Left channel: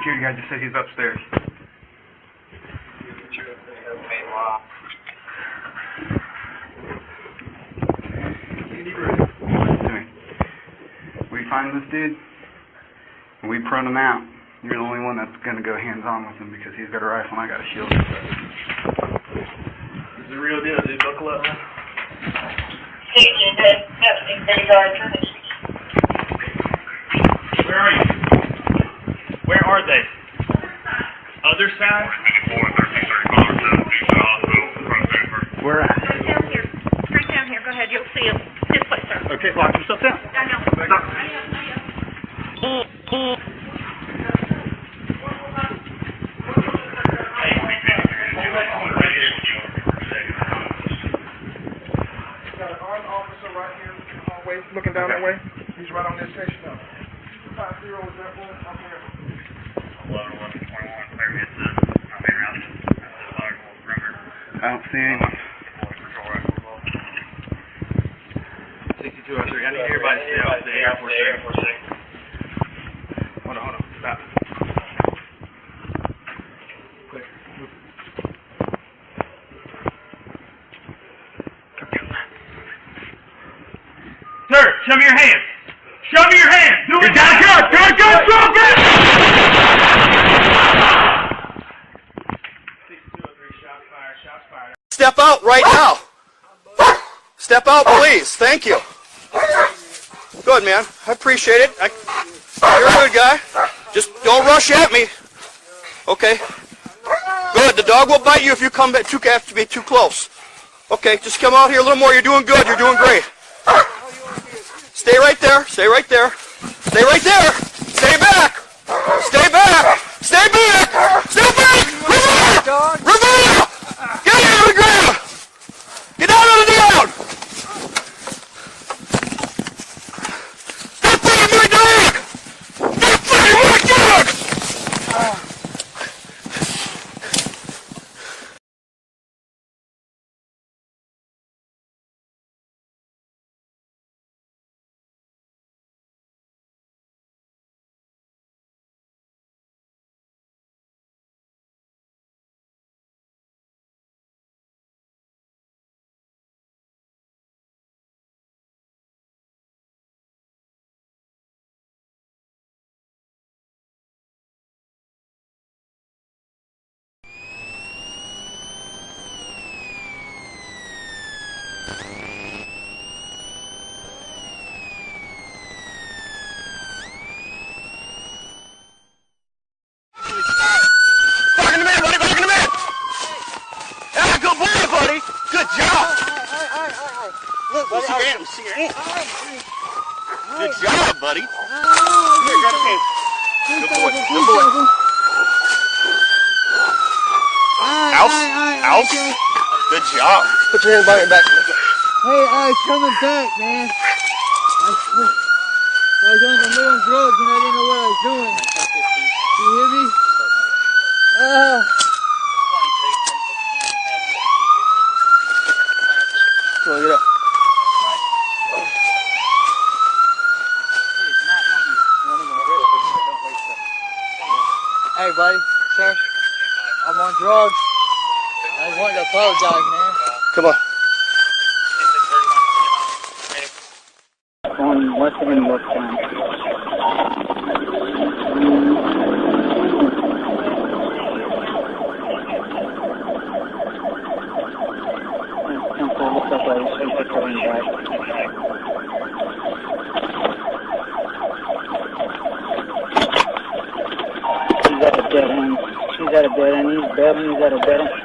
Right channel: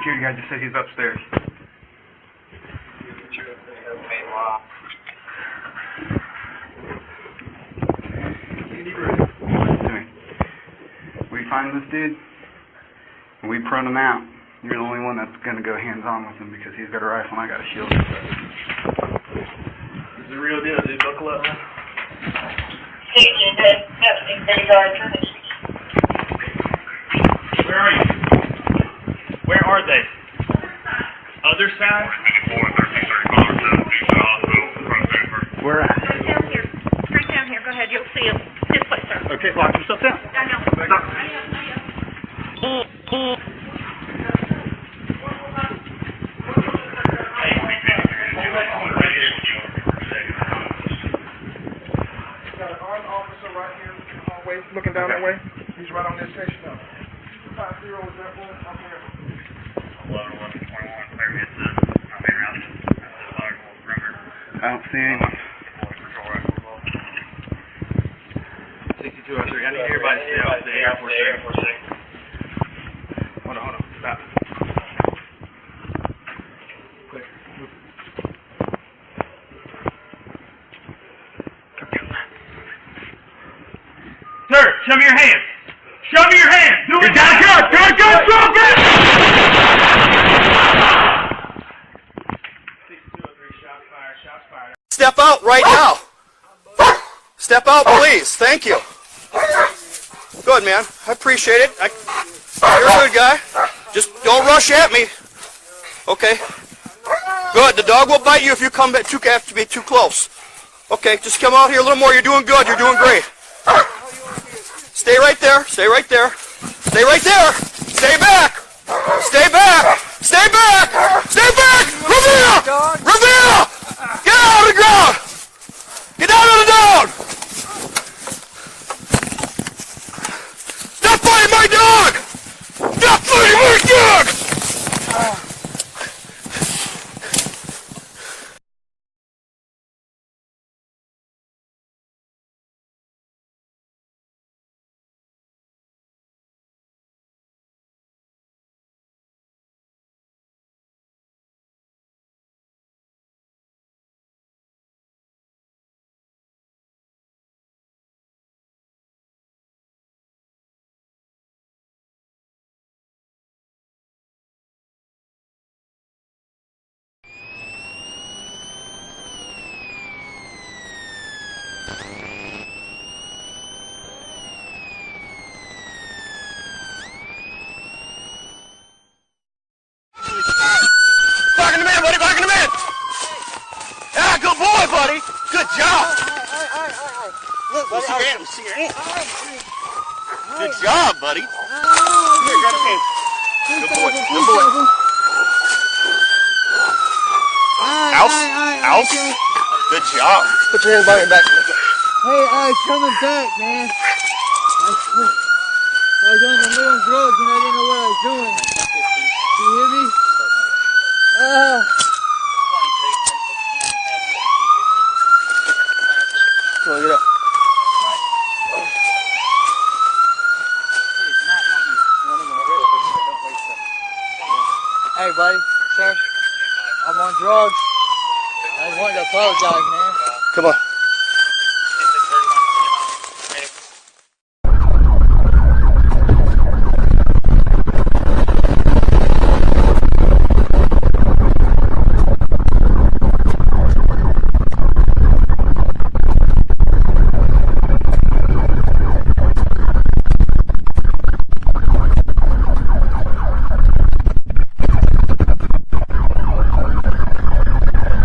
security guy just said he's upstairs. We find this dude, and we prune him out. You're the only one that's going to go hands-on with him because he's got a rifle and I got a shield. This is the real deal, dude. Buckle up. Where are you? Where are they? Other side? Where at? Down here. Straight down here. Go ahead. You'll see him. This way, sir. Okay, lock yourself down. I know. Got an armed officer right here in the hallway, looking down that way. He's right on this station now. 250 is that one? I'm here. 11-21, clear me to I don't see anyone. 6203. I need everybody to stay off the airport. Hold on. Stop. Quick. Move. Sir, show me your hands. Show me your hands. Do it. Got a gun. Shots fired. Step out right now. Step out, please. Thank you. Good, man. I appreciate it. You're a good guy. Just don't rush at me. Okay. Good. The dog will bite you if you come back too close. Okay. Just come out here a little more. You're doing good. You're doing great. Stay right there. Stay right there. Stay right there. Stay back. Stay back. Stay back. Stay back. Ravenna! Get out of the ground! Get out of the ground! Stop fighting my dog! Stop fighting my dog! Good job, buddy. Here, grab his hand. Good boy. Good boy. Alf. Good job. Put your hand behind your back. Hey, I was coming back, man. I was on drugs and I didn't know what I was doing. You hear me? Come on, get up. Hey, buddy, sir, I'm on drugs. I just wanted to apologize, man. Come on.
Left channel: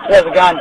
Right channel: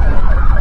There's a gun.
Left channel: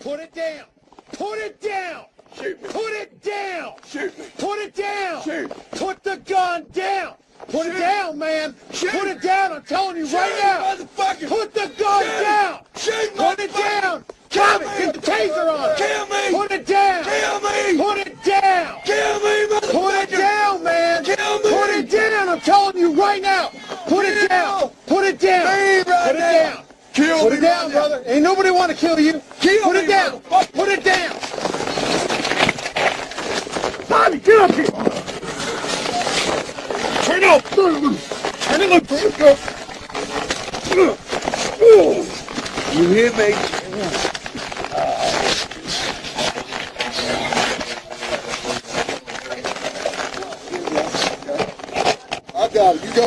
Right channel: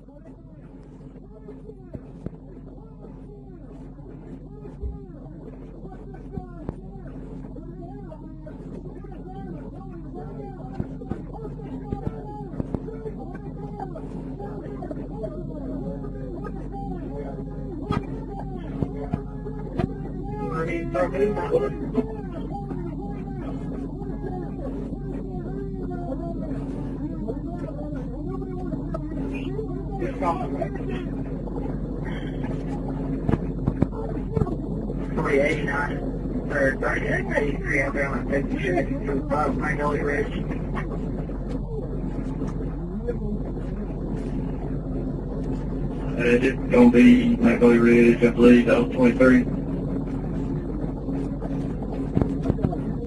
Put it down. Put it down. Shoot me. Put it down. Shoot me. Put it down. Shoot. Put the gun down. Put Shoot. it down, man. Shoot. Put it down. I'm telling you right Shoot, now. motherfucker. Put the gun Shoot. down. Shoot, Put it motherfucker. down. Kill Drop me. it. Get the taser on it. Kill me. Put it down. Kill me. Put it down. Kill me, motherfucker. Put it down, man. Kill me. Put it down. I'm telling you right now. Put it down. Put it down. Me right Put it now. down. Kill Put me it down, right now. brother. Ain't nobody want to kill you. Kill Put me, it down. motherfucker. Put it down. Bobby, get up here. Turn up. Turn it up. You hear me? It's gonna be really ready, I believe, that was 23. I got it. You go.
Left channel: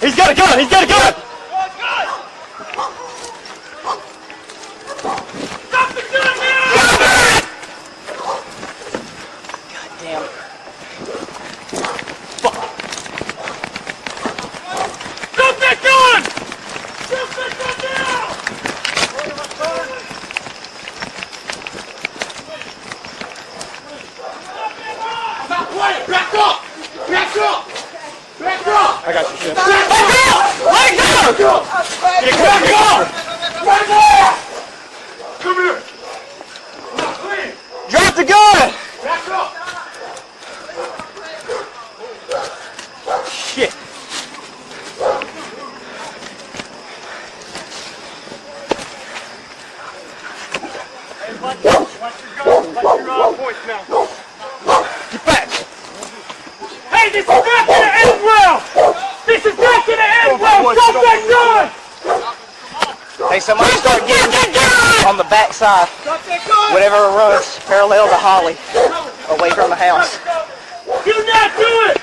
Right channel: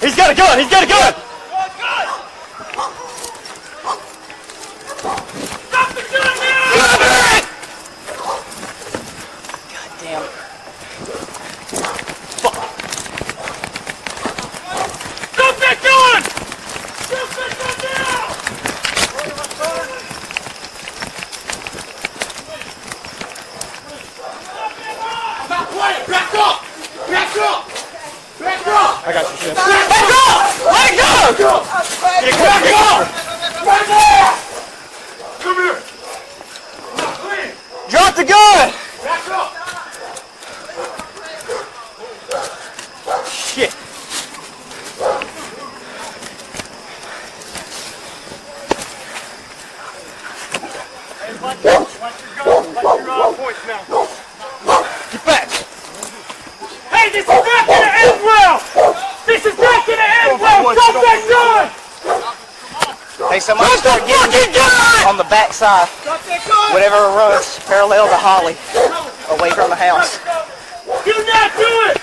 He's got a gun! He's got a gun! Stop the gun now! God damn. Fuck. Stop that gun! Stop that gun now! Stop playing. Back up. Back up. Back up. I got your shit. Back up. Let go! Back up. Back up. Come here. Drop the gun! Back up. Shit. Watch your points now. Get back! Hey, this is not gonna end well! This is not gonna end well! Stop that gun! Hey, somebody start getting on the back side. Stop that gun! Whatever runs parallel to Holly, away from the house. Do not do it!